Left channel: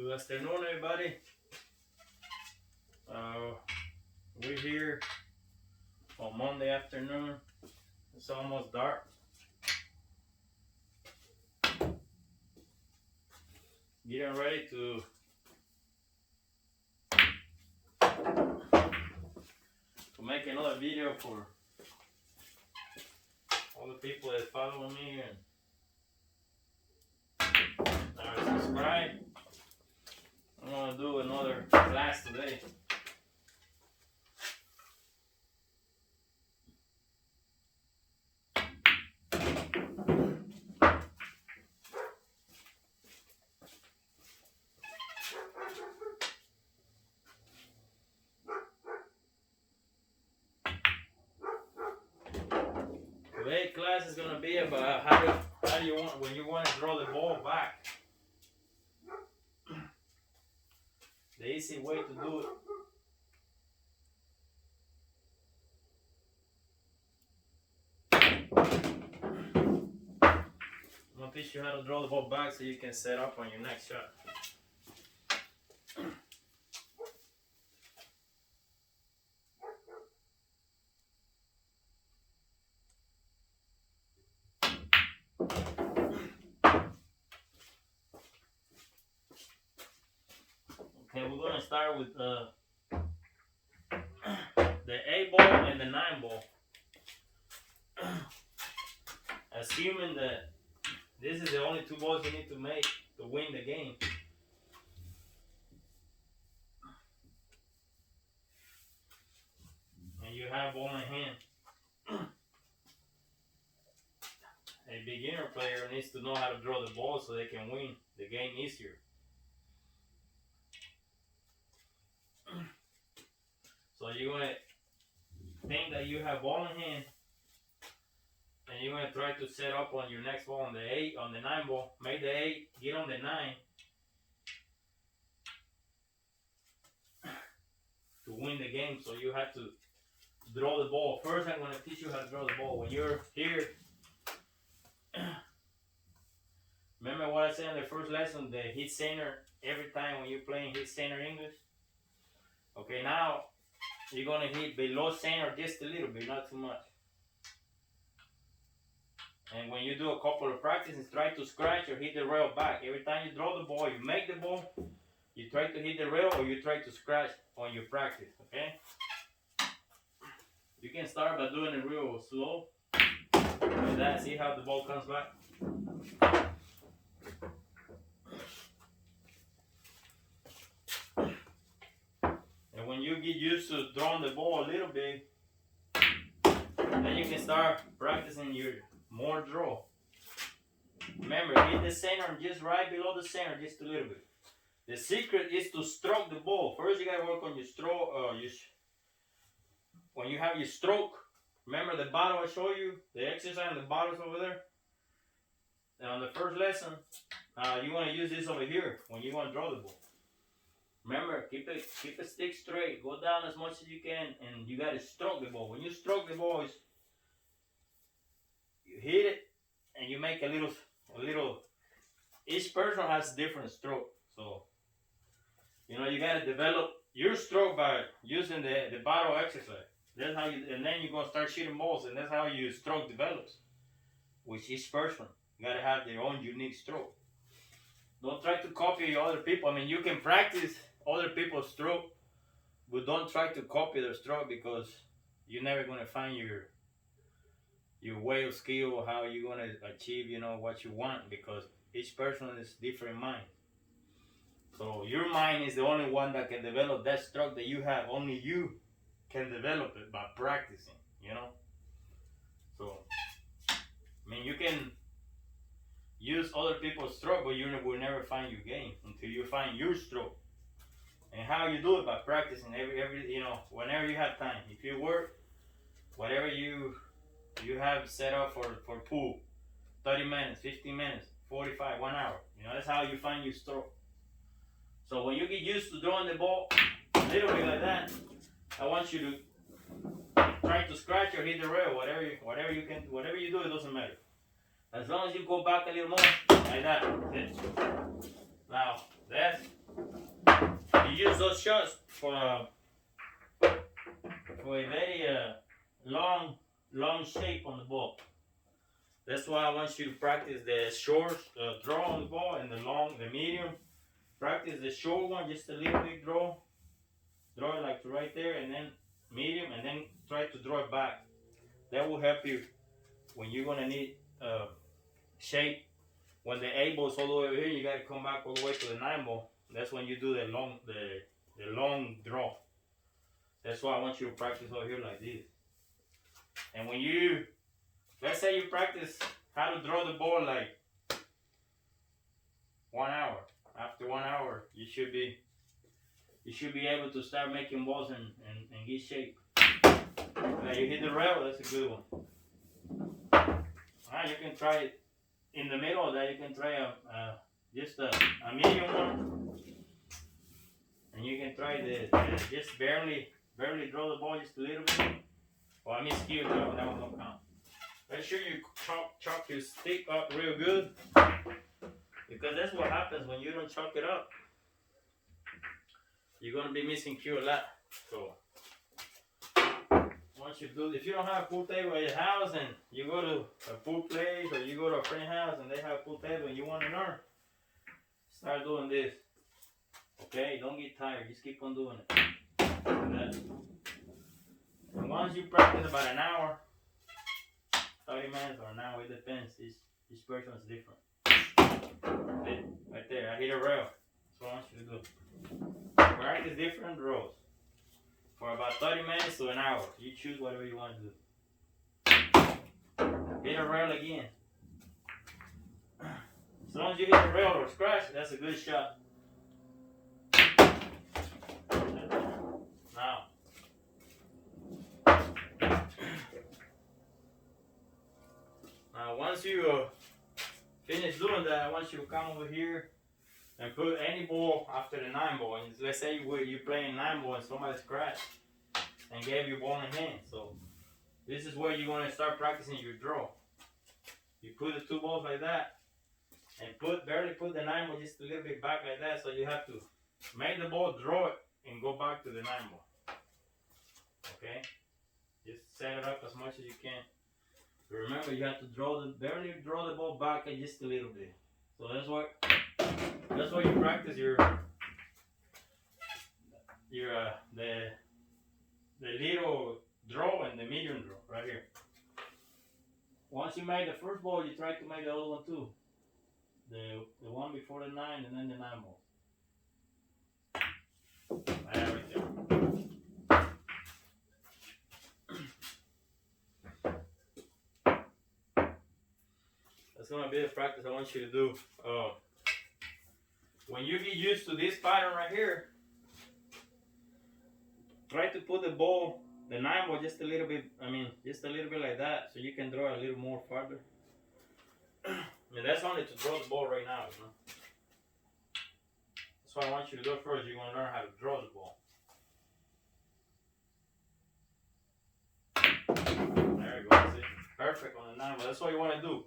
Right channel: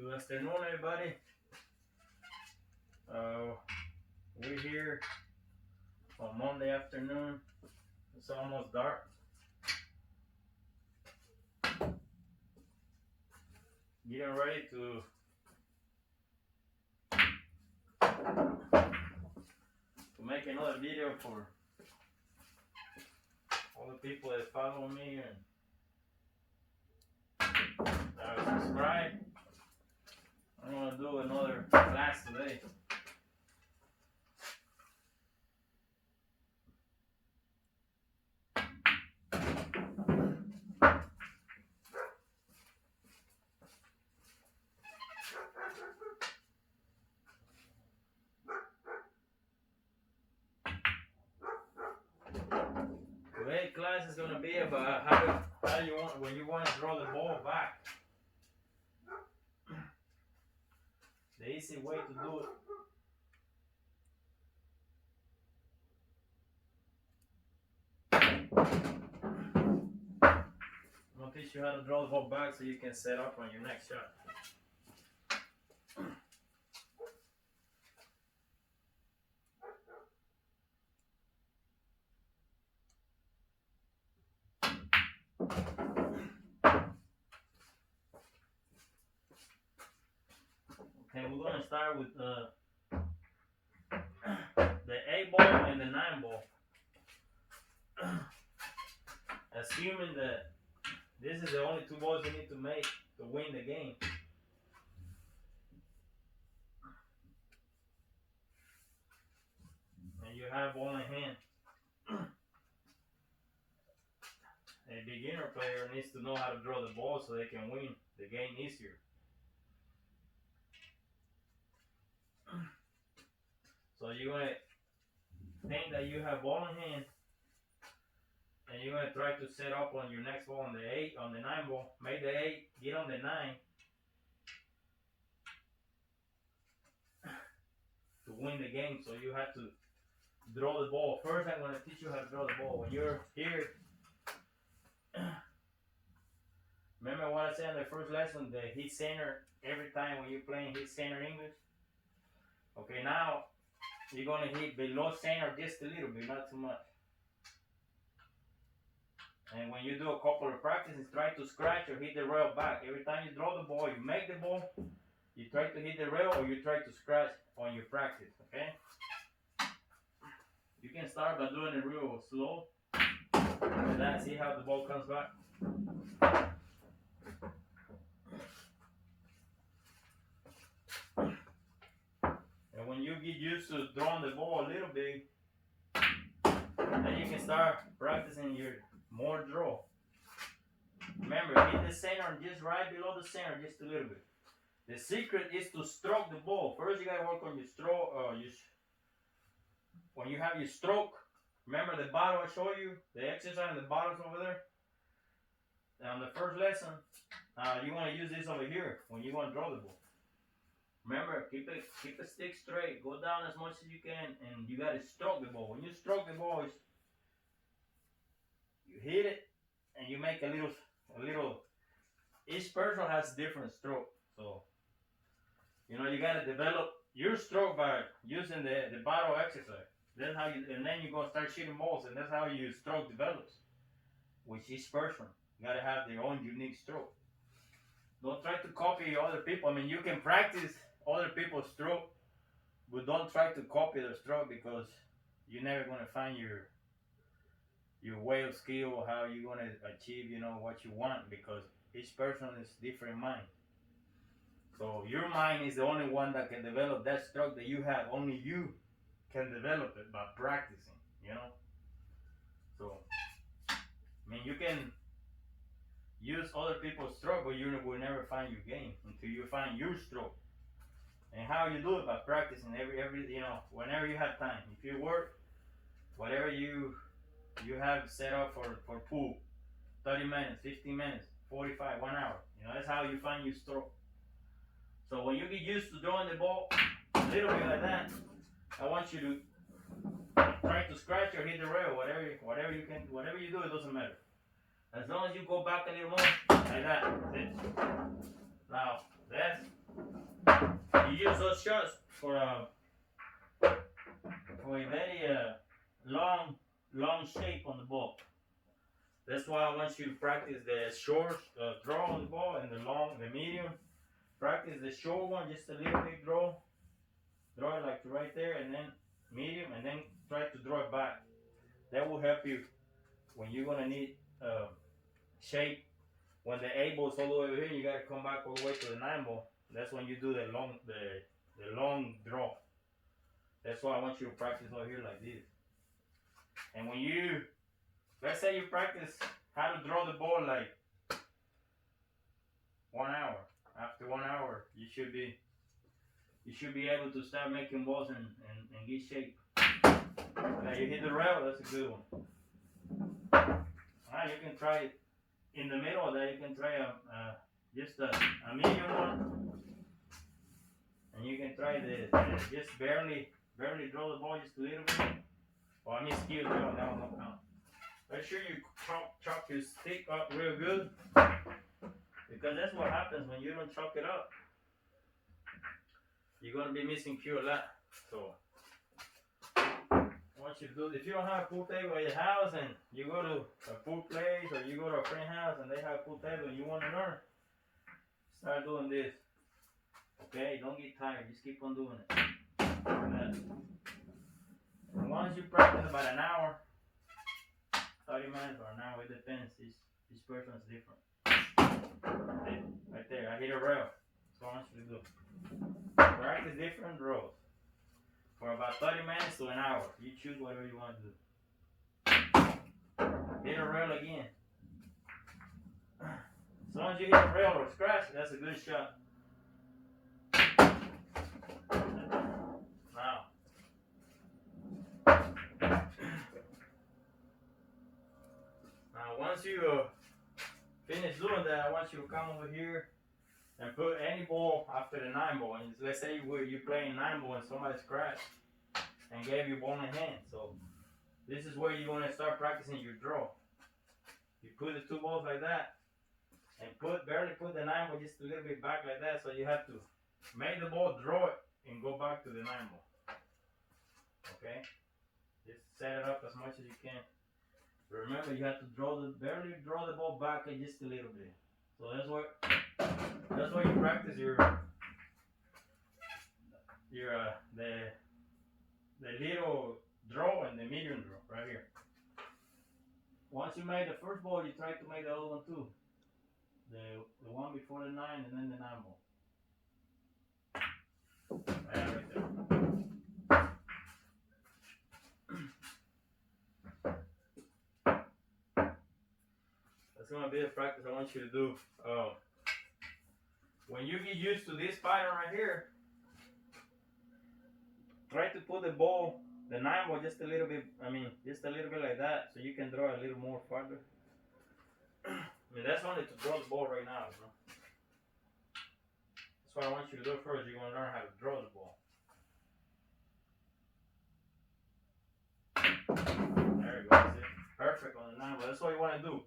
Good afternoon, everybody. We're here on Monday afternoon. It's almost dark. Getting ready to make another video for all the people that follow me and subscribe. I'm gonna do another class today. Today's class is gonna be about how you want when you want to throw the ball back. The easy way to do it. I'm gonna teach you how to draw the ball back so you can set up on your next shot. Okay, we're gonna start with the 8 ball and the 9 ball. Assuming that this is the only 2 balls you need to make to win the game. And you have ball in hand. A beginner player needs to know how to draw the ball so they can win the game easier. So you're gonna think that you have ball in hand, and you're gonna try to set up on your next ball on the 9 ball. Make the 8, get on the 9 to win the game. So you have to draw the ball. First, I'm gonna teach you how to draw the ball. When you're here, remember what I said in the first lesson, the hit center every time when you're playing hit center English? Okay, now you're gonna hit below center just a little bit, not too much. And when you do a couple of practices, try to scratch or hit the rail back. Every time you draw the ball, you make the ball, you try to hit the rail or you try to scratch on your practice, okay? You can start by doing it real slow. Like that, see how the ball comes back? And when you get used to drawing the ball a little bit, then you can start practicing your more draw. Remember, hit the center just right below the center, just a little bit. The secret is to stroke the ball. First, you gotta work on your stroke. When you have your stroke, remember the bottle I showed you, the exercise, the bottles over there. And on the first lesson, you want to use this over here when you want to draw the ball. Remember, keep a stick straight. Go down as much as you can, and you gotta stroke the ball. When you stroke the ball, you hit it, and you make a little. Each person has different stroke, so you gotta develop your stroke by using the bottle exercise. That's how you, and then you're gonna start shooting balls, and that's how your stroke develops. With each person, you gotta have their own unique stroke. Don't try to copy other people. I mean, you can practice other people's stroke, but don't try to copy their stroke because you're never gonna find your way of skill or how you're gonna achieve, what you want, because each person is different mind. So your mind is the only one that can develop that stroke that you have. Only you can develop it by practicing, So, I mean, you can use other people's stroke, but you will never find your game until you find your stroke. And how you do it? By practicing every whenever you have time. If you work, whatever you have set up for pool, 30 minutes, 15 minutes, 45, 1 hour. That's how you find your stroke. So when you get used to drawing the ball a little bit like that, I want you to try to scratch or hit the rail, whatever you can, whatever you do, it doesn't matter. As long as you go back a little more, like that. Now, that's shots for a very long shape on the ball. That's why I want you to practice the short draw on the ball and the medium. Practice the short one, just a little bit draw it like right there, and then medium, and then try to draw it back. That will help you when you're gonna need shape. When the 8 ball's all the way over here, you gotta come back all the way to the 9 ball. That's when you do the long draw. That's why I want you to practice over here like this. And when you, let's say you practice how to draw the ball like 1 hour. After 1 hour, you should be able to start making balls and get shape. Now you hit the rail, that's a good one. Now you can try it in the middle of that. You can try just a medium one, and you can try the just barely draw the ball just a little bit. Well, I mean skew draw, that one won't count. Make sure you chalk your stick up real good, because that's what happens when you don't chalk it up. You're gonna be missing cue a lot. So once you do, if you don't have a pool table at your house and you go to a pool place or you go to a friend's house and they have a pool table and you want to learn, start doing this. Okay, don't get tired. Just keep on doing it. And once you practice about an hour, 30 minutes or an hour, it depends. Each person is different. Right there, I hit a rail. That's what I want you to do. Practice different draws for about 30 minutes to an hour. You choose whatever you want to do. Hit a rail again. As long as you hit a rail or scratch, that's a good shot. Now, once you finish doing that, I want you to come over here and put any ball after the 9 ball. And let's say you're playing 9 ball and somebody scratched and gave you ball in hand. So this is where you're going to start practicing your draw. You put the 2 balls like that and barely put the 9 ball just a little bit back like that. So you have to make the ball, draw it, and go back to the 9 ball. Okay? Just set it up as much as you can. Remember, you have to barely draw the ball back and just a little bit. So that's why you practice the little draw and the medium draw right here. Once you made the first ball, you try to make the other one too. The one before the 9 and then the 9 ball. Yeah, right there. That's gonna be the practice I want you to do. When you get used to this pattern right here, try to put the ball, the 9 ball, just a little bit like that, so you can draw a little more farther. I mean, that's only to draw the ball right now, you know? That's what I want you to do first. You're gonna learn how to draw the ball. There you go, see? Perfect on the 9 ball. That's what you wanna do.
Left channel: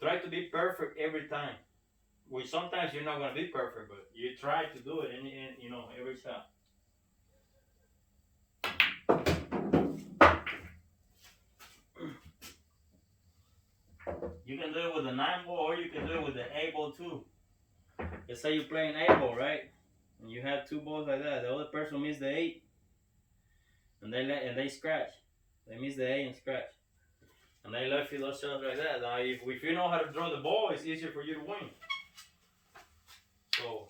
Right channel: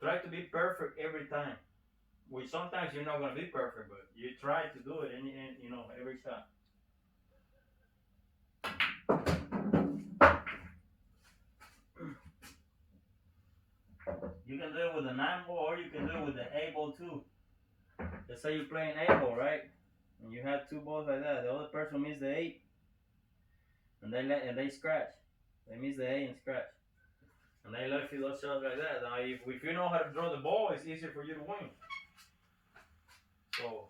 Try to be perfect every time. Which sometimes you're not gonna be perfect, but you try to do it in every shot. You can do it with the 9 ball, or you can do it with the 8 ball too. Let's say you're playing 8 ball, right? And you have 2 balls like that. The other person missed the 8, and they scratch. They miss the 8 and scratch. And they left you those shots like that. Now, if you know how to draw the ball, it's easier for you to win. So,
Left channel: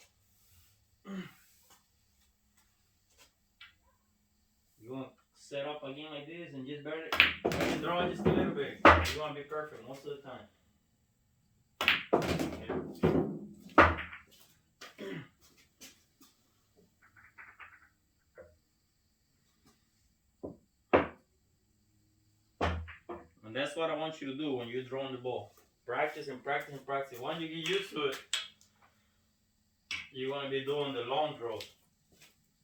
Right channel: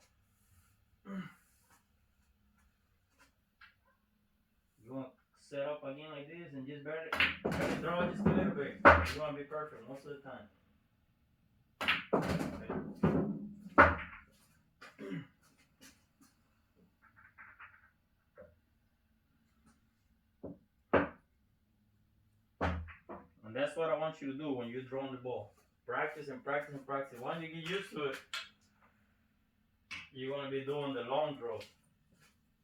you want to set up again like this and just barely draw it just a little bit. You want to be perfect most of the time. And that's what I want you to do when you're drawing the ball. Practice and practice and practice. Once you get used to it, you're going to be doing the long draws.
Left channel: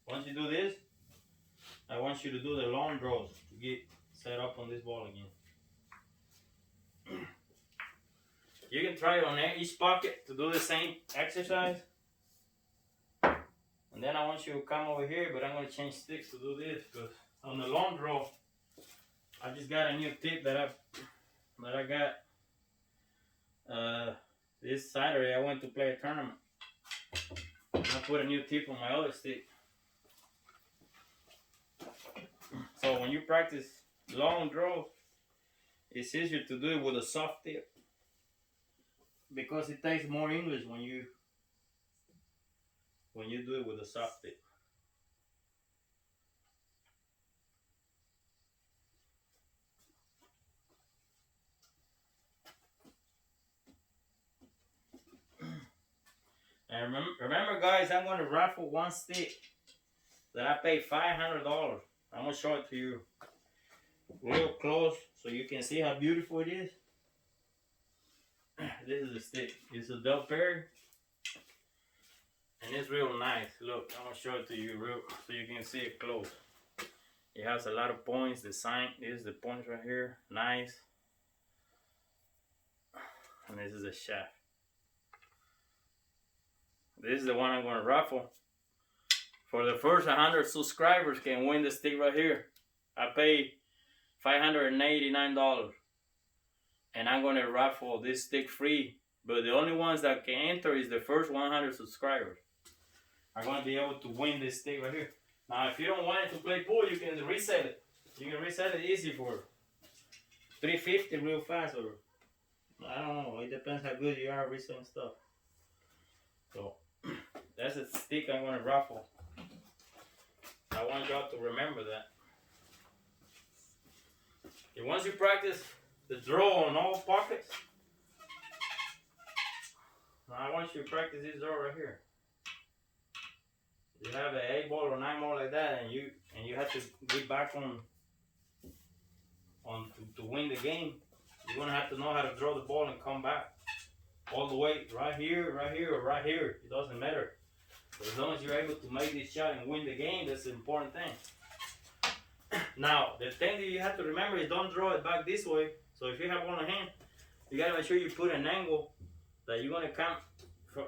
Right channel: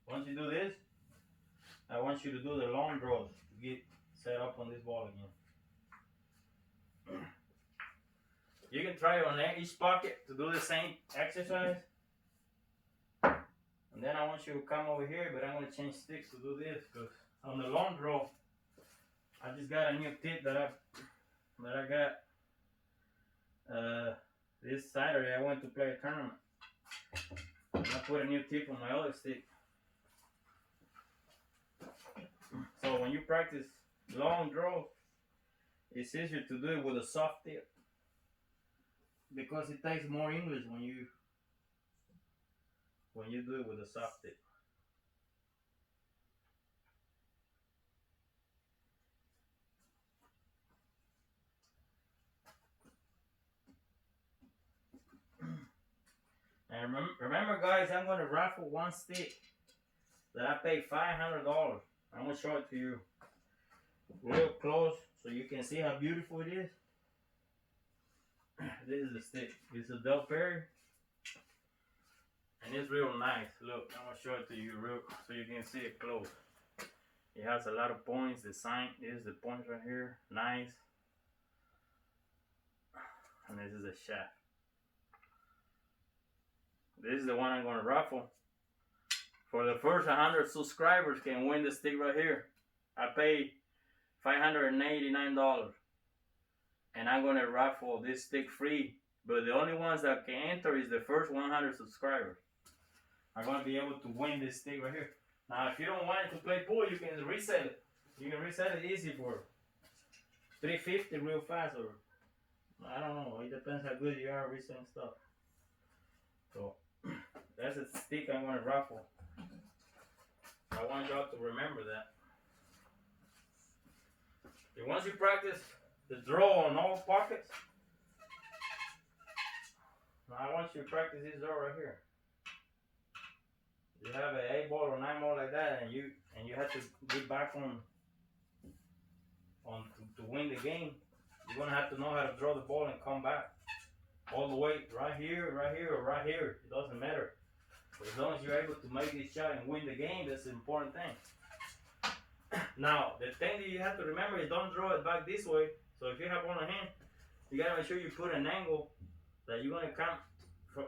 Once you do this, I want you to do the long draws to get set up on this ball again. You can try on each pocket to do the same exercise. And then I want you to come over here, but I'm gonna change sticks to do this because on the long draw, I just got a new tip that I got this Saturday. I went to play a tournament. I put a new tip on my other stick. So when you practice long draw, it's easier to do it with a soft tip because it takes more English when you do it with a soft tip. And remember guys, I'm going to raffle one stick that I paid $500. I'm going to show it to you real close so you can see how beautiful it is. This is the stick. It's a Del Perry. And it's real nice. Look, I'm going to show it to you real so you can see it close. It has a lot of points. The sign is the points right here. Nice. And this is the shaft. This is the one I'm going to raffle. For the first 100 subscribers can win the stick right here. I paid $589. And I'm going to raffle this stick free. But the only ones that can enter is the first 100 subscribers. I'm going to be able to win this stick right here. Now, if you don't want it to play pool, you can resell it. You can resell it easy for $350 real fast. Or I don't know. It depends how good you are reselling stuff. So, that's a stick I'm going to raffle. I want y'all to remember that. And once you practice the draw on all pockets, now I want you to practice this draw right here. You have an 8 ball or 9 ball like that, and you have to get back on to win the game. You're gonna have to know how to draw the ball and come back all the way right here, or right here. It doesn't matter. But as long as you're able to make this shot and win the game, that's the important thing. Now, the thing that you have to remember is don't draw it back this way. So if you have one hand, you gotta make sure you put an angle that you're gonna come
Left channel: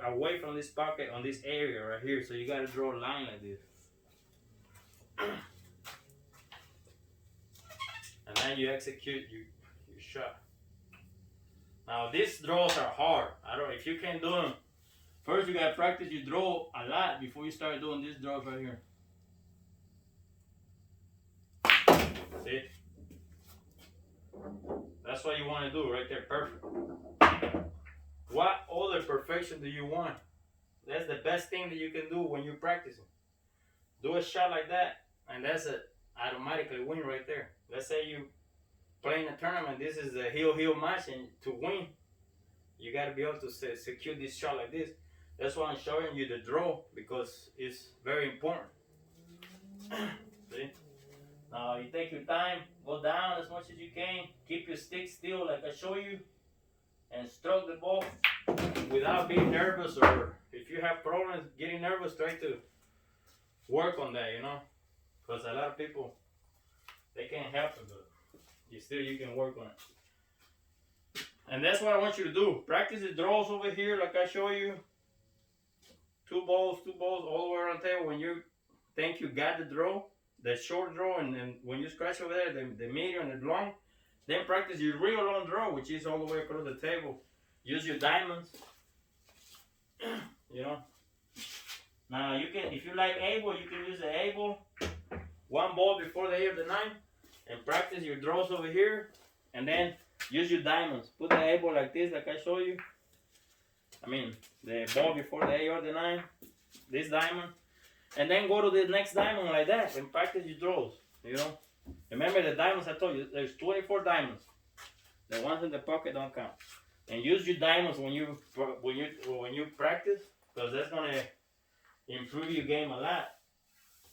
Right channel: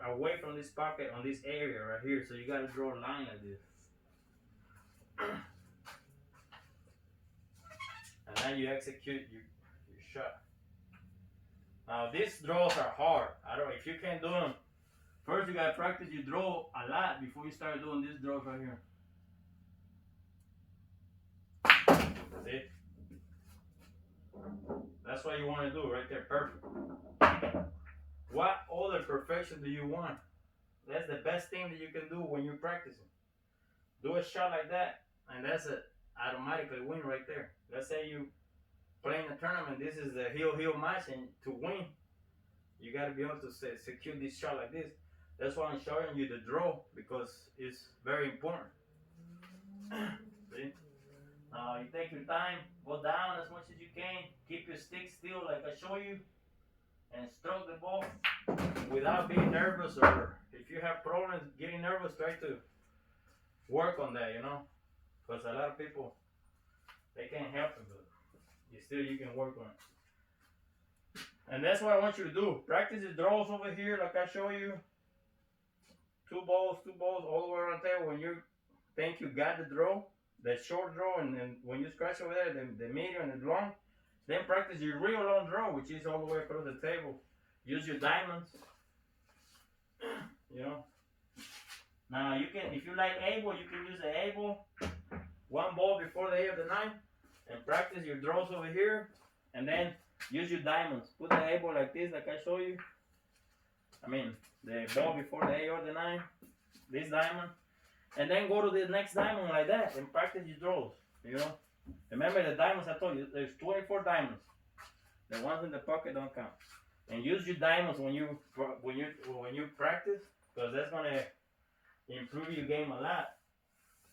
away from this pocket on this area right here. So you gotta draw a line like this. And then you execute your shot. Now these draws are hard. If you can't do them, first you gotta practice your draw a lot before you start doing these draws right here. See? That's what you want to do right there. Perfect. What other perfection do you want? That's the best thing that you can do when you're practicing. Do a shot like that, and that's a automatically win right there. Let's say you playing a tournament. This is a heel match, and to win, you got to be able to secure this shot like this. That's why I'm showing you the draw, because it's very important. See? Now you take your time, go down as much as you can, keep your stick still like I show you, and stroke the ball without being nervous, or if you have problems getting nervous, try to work on that, you know, because a lot of people, they can't help it, but you can work on it. And that's what I want you to do. Practice the draws over here like I show you. Two balls all the way around the table. When you think you got the draw, the short draw, and then when you scratch over there, the medium and the long, then practice your real long draw, which is all the way across the table. Use your diamonds, you know. Now you can, if you like able, you can use the able, one ball before the 8 of the 9, and practice your draws over here, and then use your diamonds. Put the able like this, like I show you. I mean, the ball before the 8 or the 9, this diamond. And then go to the next diamond like that and practice your draws, you know. Remember the diamonds I told you, there's 24 diamonds. The ones in the pocket don't count. And use your diamonds when you practice, because that's gonna improve your game a lot.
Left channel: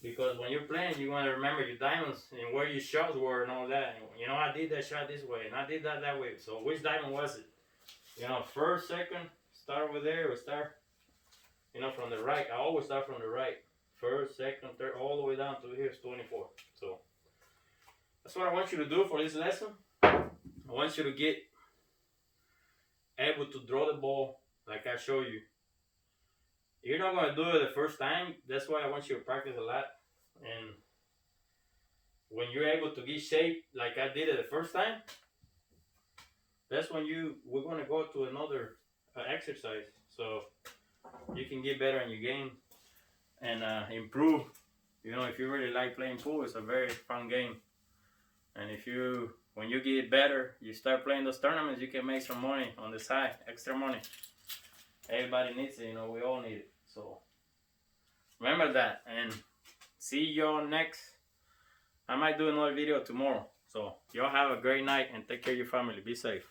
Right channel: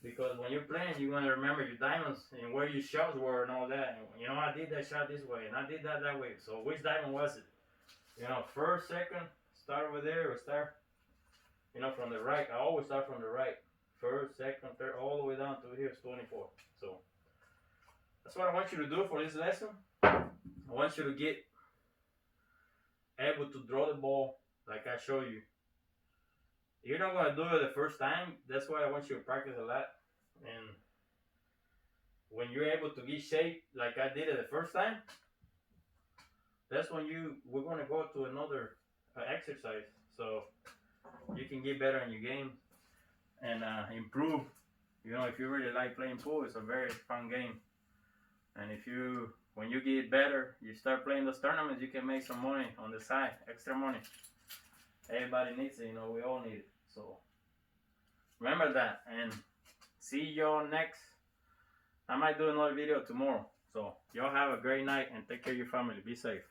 Because when you're playing, you want to remember your diamonds and where your shots were and all that. You know, I did that shot this way and I did that way. So which diamond was it? You know, first, second, start over there, or start, you know, from the right. I always start from the right. First, second, third, all the way down to here is 24. So that's what I want you to do for this lesson. I want you to get able to draw the ball like I show you. You're not gonna do it the first time. That's why I want you to practice a lot. And when you're able to get shape like I did it the first time, that's when we're gonna go to another exercise, so you can get better in your game and improve. You know, if you really like playing pool, it's a very fun game. And when you get better, you start playing those tournaments, you can make some money on the side, extra money. Everybody needs it, you know, we all need it. So remember that, and see y'all next. I might do another video tomorrow. So y'all have a great night and take care of your family. Be safe.